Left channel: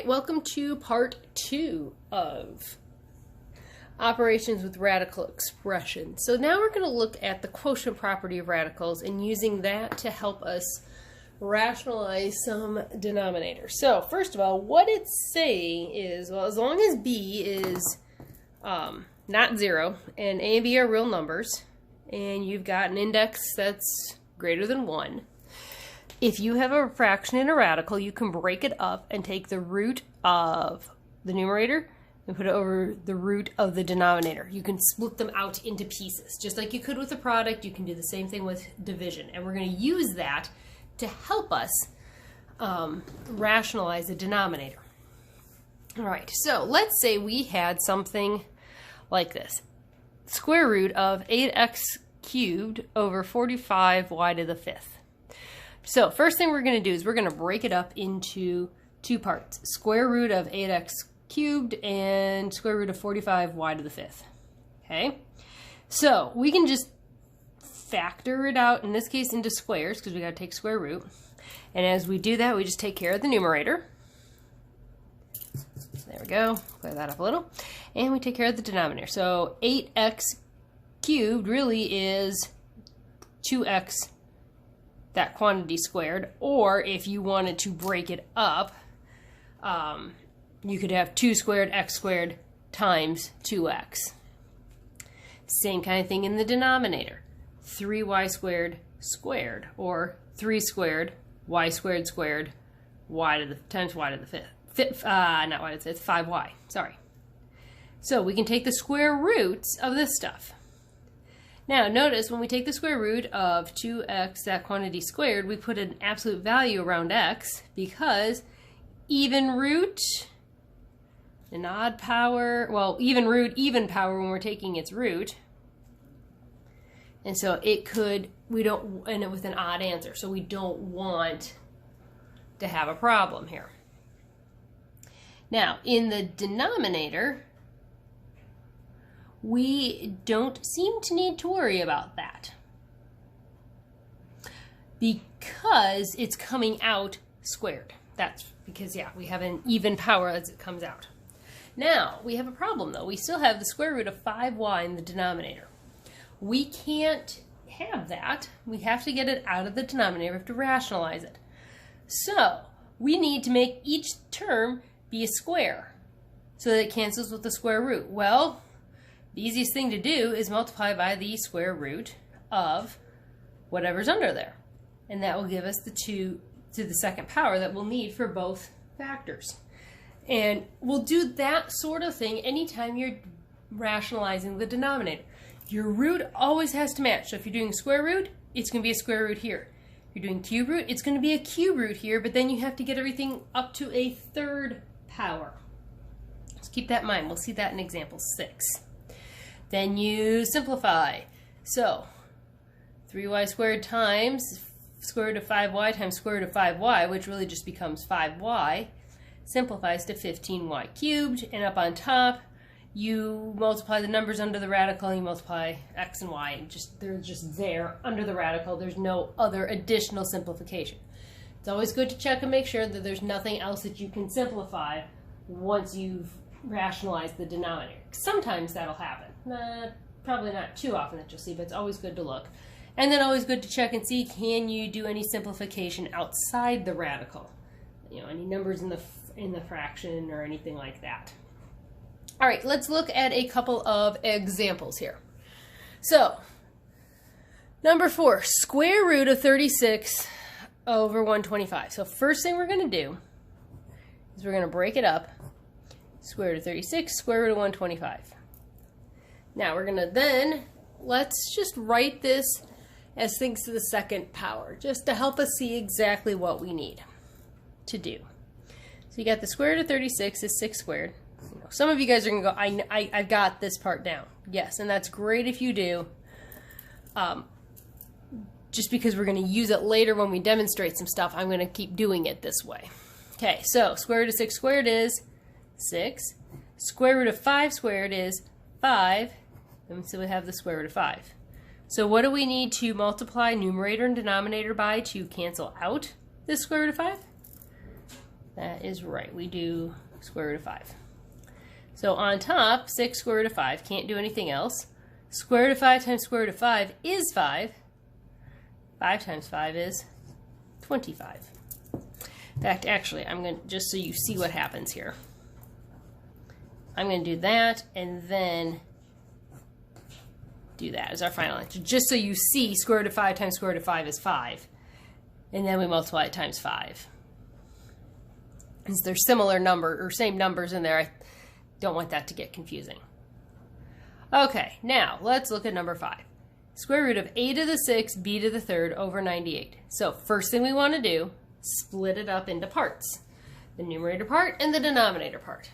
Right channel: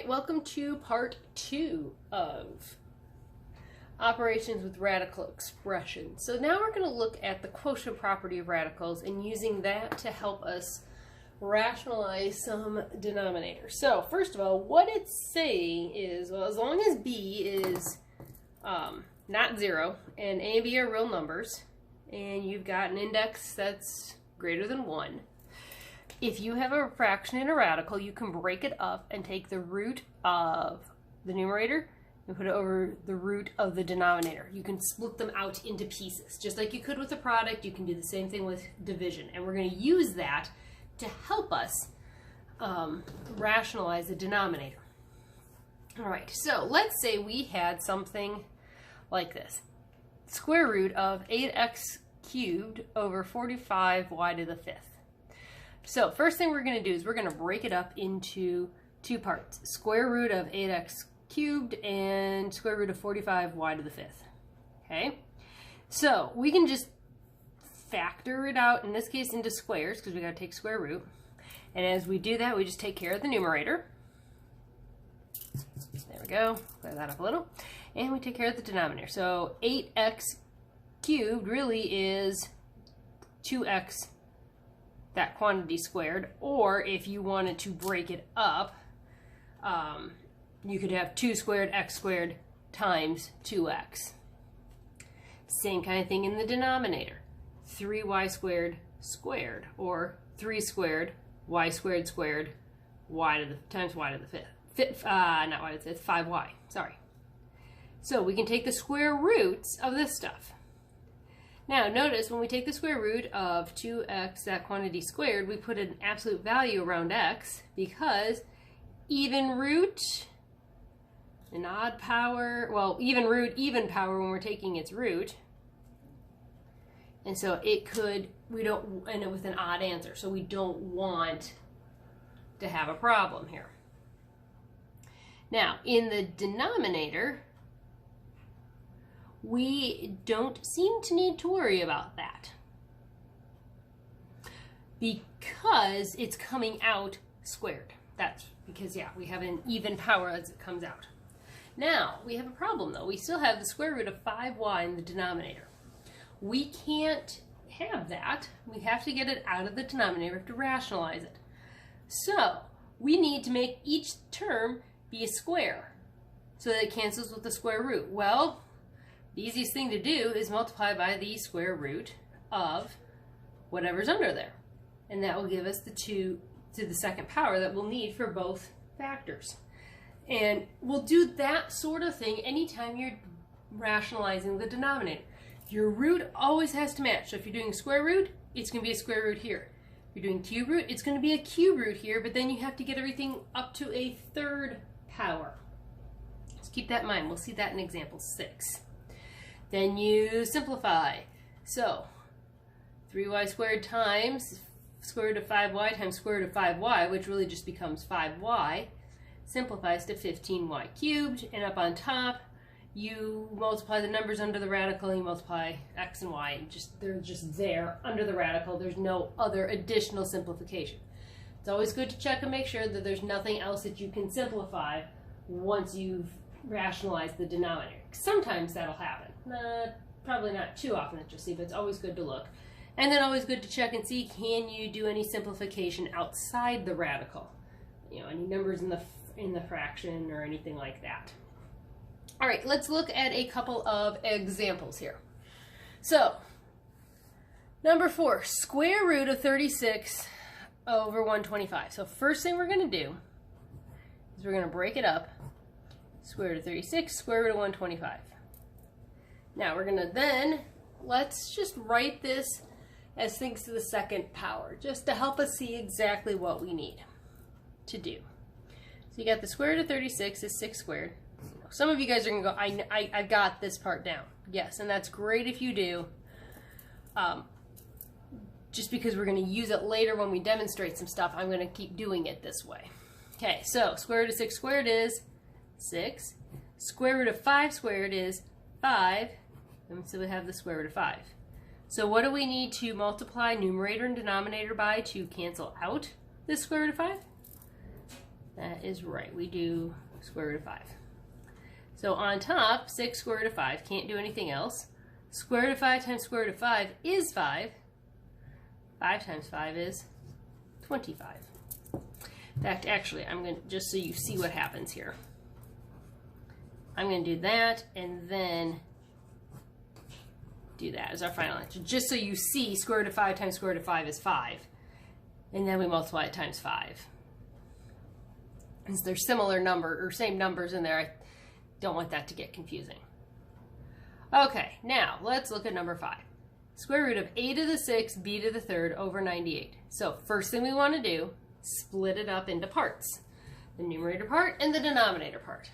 right, welcome to part 2 of operations with radical expression. So now we're going to look at the quotient property of radicals and using that to help us rationalize some denominators. So first of all, what it's saying is, well, as long as b is not 0 and a and b are real numbers and you've got an index that's greater than 1, if you have a fraction in a radical, you can break it up and take the root of the numerator and put it over the root of the denominator. You can split them out into pieces. Just like you could with a product, you can do the same thing with division. And we're going to use that to help us rationalize the denominator. All right, so let's say we had something like this. Square root of 8x cubed over 45y to the 5th. So first thing we're going to do is we're going to break it up into two parts. Square root of 8x cubed and square root of 45y to the 5th. Okay? So we can just factor it out, in this case, into squares because we got to take square root. And as we do that, we just take care of the numerator. There we go. Clear that up a little. And we take care of the denominator. So 8x cubed really is 2x, that quantity squared, or if you wanted to break it up, you could have 2 squared x squared times 2x. Same kind of thing in the denominator. 3y squared squared, or 3 squared y squared squared y to the times y to the 5th. Not y to the 5th, 5y, sorry. So we can take the square roots of this stuff. Now notice when we take the square root of 2x, that quantity squared, we put an absolute value around x because even root, an odd power, well, even root, even power when we're taking its root. And so it could, we don't end up with an odd answer, so we don't want to have a problem here. Now in the denominator, we don't seem to need to worry about that because it's coming out squared. That's because, yeah, we have an even power as it comes out. Now, we have a problem, though. We still have the square root of 5y in the denominator. We can't have that. We have to get it out of the denominator. We have to rationalize it. So, we need to make each term be a square so that it cancels with the square root. Well, the easiest thing to do is multiply by the square root of whatever's under there. And that will give us the 2 to the second power that we'll need for both factors. And we'll do that sort of thing anytime you're rationalizing the denominator. Your root always has to match. So if you're doing a square root, it's going to be a square root here. If you're doing cube root, it's going to be a cube root here, but then you have to get everything up to a third power. So keep that in mind. We'll see that in example 6. Then you simplify. So 3y squared times square root of 5y times square root of 5y, which really just becomes 5y, simplifies to 15y cubed. And up on top, you multiply the numbers under the radical, and you multiply x and y, and they're just there under the radical. There's no other additional simplification. It's always good to check and make sure that there's nothing else that you can simplify once you've rationalized the denominator. Sometimes that'll happen. Probably not too often that you'll see, but it's always good to look. And then always good to check and see, can you do any simplification outside the radical? You know, any numbers in the fraction or anything like that. All right, let's look at a couple of examples here. So, number 4, square root of 36 over 125. So first thing we're going to do is we're going to break it up. Square root of 36, square root of 125. Now we're going to then, let's just write this as things to the second power, just to help us see exactly what we need to do. So you got the square root of 36 is 6 squared. Some of you guys are going to go, I got this part down. Yes, and that's great if you do. Just because we're going to use it later when we demonstrate some stuff, I'm going to keep doing it this way. Okay, so square root of 6 squared is 6. Square root of 5 squared is 5. And so we have the square root of 5. So what do we need to multiply numerator and denominator by to cancel out this square root of 5? That is right. We do square root of 5. So on top, 6 square root of 5. Can't do anything else. Square root of 5 times square root of 5 is 5. 5 times 5 is 25. In fact, actually, I'm going to, just so you see what happens here, I'm going to do that and then do that as our final answer. Just so you see square root of 5 times square root of 5 is 5. And then we multiply it times 5. Since there's similar number or same numbers in there, I don't want that to get confusing. Okay, now let's look at number 5. Square root of a to the 6th, b to the 3rd over 98. So first thing we want to do, split it up into parts. The numerator part and the denominator part.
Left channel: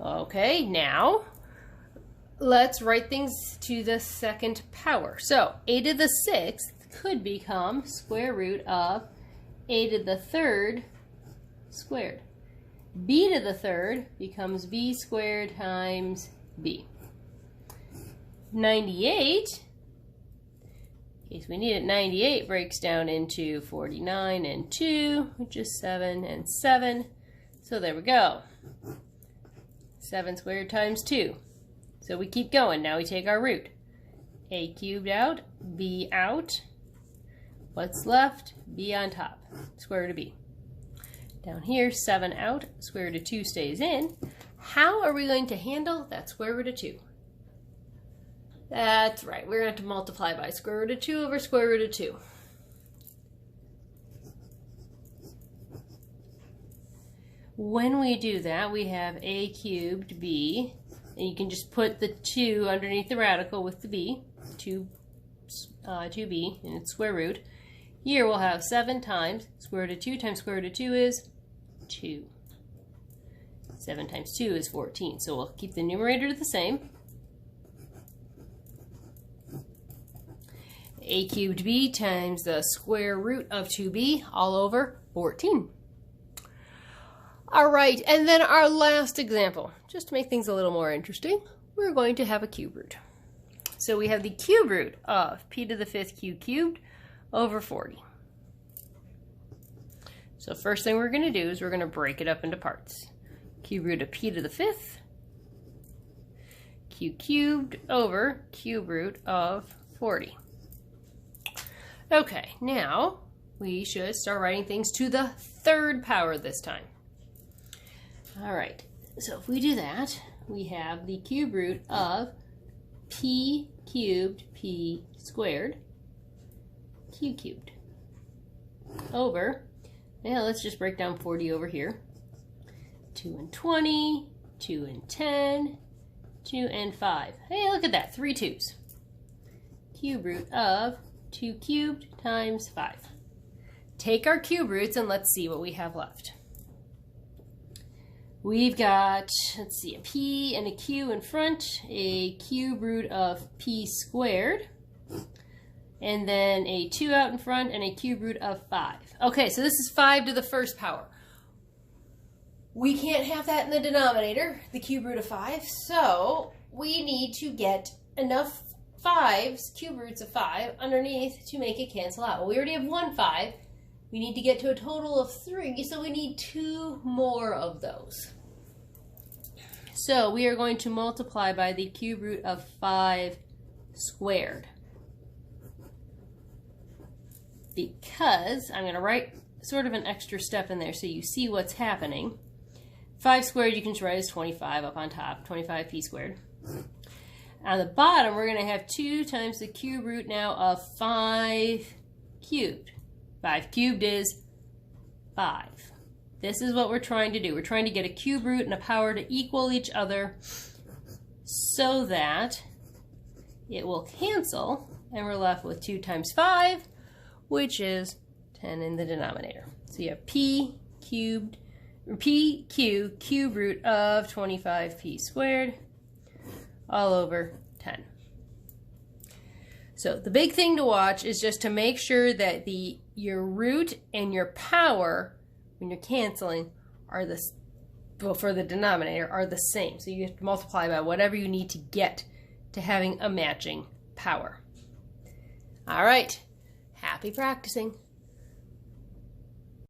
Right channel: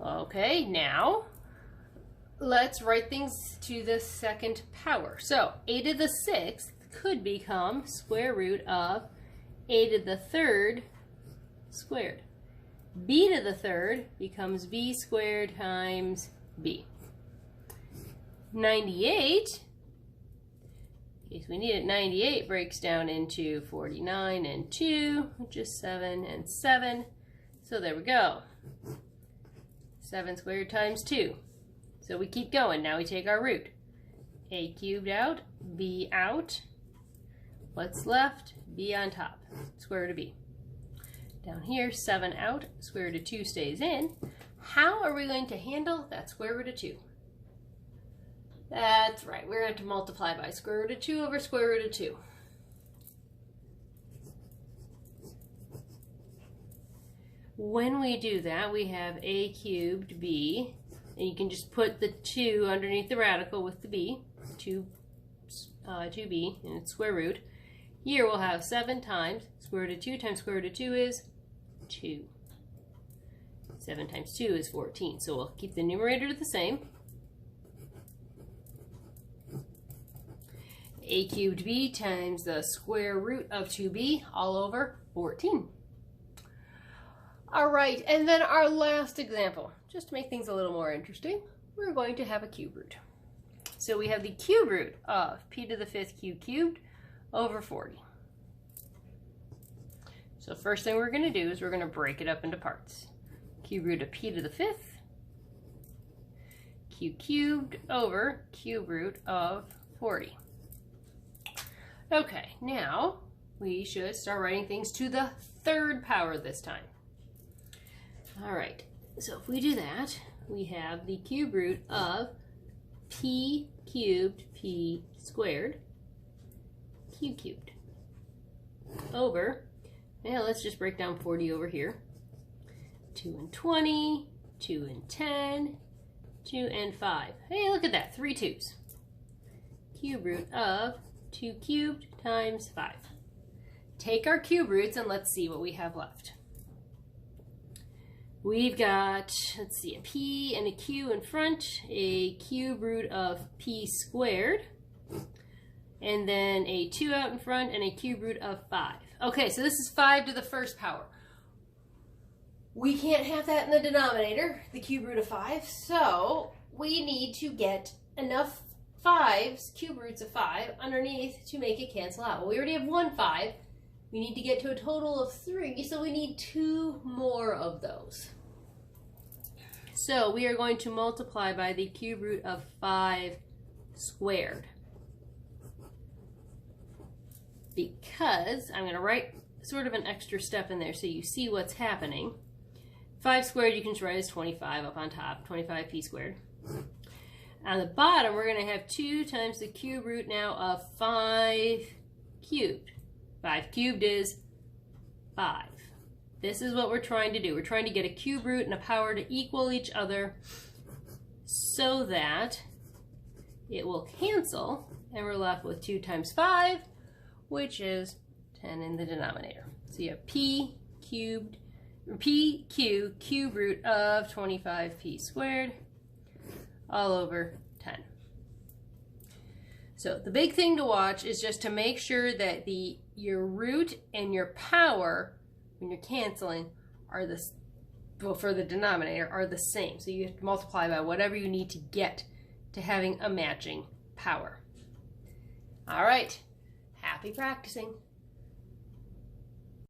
Okay, now let's write things to the second power. So a to the 6th could become square root of a to the 3rd squared. B to the 3rd becomes b squared times b. 98, in case we need it, 98 breaks down into 49 and 2, which is 7 and 7. So there we go. 7 squared times 2. So we keep going. Now we take our root. A cubed out, b out. What's left? B on top. Square root of b. Down here, 7 out, square root of 2 stays in. How are we going to handle that square root of 2? That's right. We're going to have to multiply by square root of 2 over square root of 2. When we do that, we have a cubed b, and you can just put the 2 underneath the radical with the b, 2b, and its square root. Here we'll have 7 times square root of 2 times square root of 2 is 2. 7 times 2 is 14, so we'll keep the numerator the same. A cubed b times the square root of 2b all over 14. All right, and then our last example, just to make things a little more interesting, we're going to have a cube root. So we have the cube root of p to the 5th cubed over 40. So first thing we're going to do is we're going to break it up into parts. Cube root of p to the 5th cubed over cube root of 40. Okay, now we should start writing things to the 3rd power this time. All right, so if we do that, we have the cube root of p cubed p squared cubed over, yeah, let's just break down 40 over here. 2 and 20, 2 and 10, 2 and 5. Hey, look at that, 3 2's. Cube root of 2 cubed times 5. Take our cube roots and let's see what we have left. We've got, let's see, a p and a q in front, a cube root of p squared, and then a 2 out in front, and a cube root of 5. Okay, so this is 5 to the 1st power. We can't have that in the denominator, the cube root of 5, so we need to get enough 5's, cube roots of 5, underneath to make it cancel out. Well, we already have 1 5. We need to get to a total of 3, so we need 2 more of those. So we are going to multiply by the cube root of 5 squared. Because I'm going to write sort of an extra step in there so you see what's happening. 5 squared you can just write as 25 up on top, 25p squared. On the bottom we're going to have 2 times the cube root now of 5 cubed. 5 cubed is 5. This is what we're trying to do. We're trying to get a cube root and a power to equal each other so that it will cancel and we're left with 2 times 5, which is 10 in the denominator. So you have p cube root of 25p squared all over 10. So the big thing to watch is just to make sure that your root and your power, when you're canceling, are well, for the denominator are the same. So you have to multiply by whatever you need to get to having a matching power. All right, happy practicing.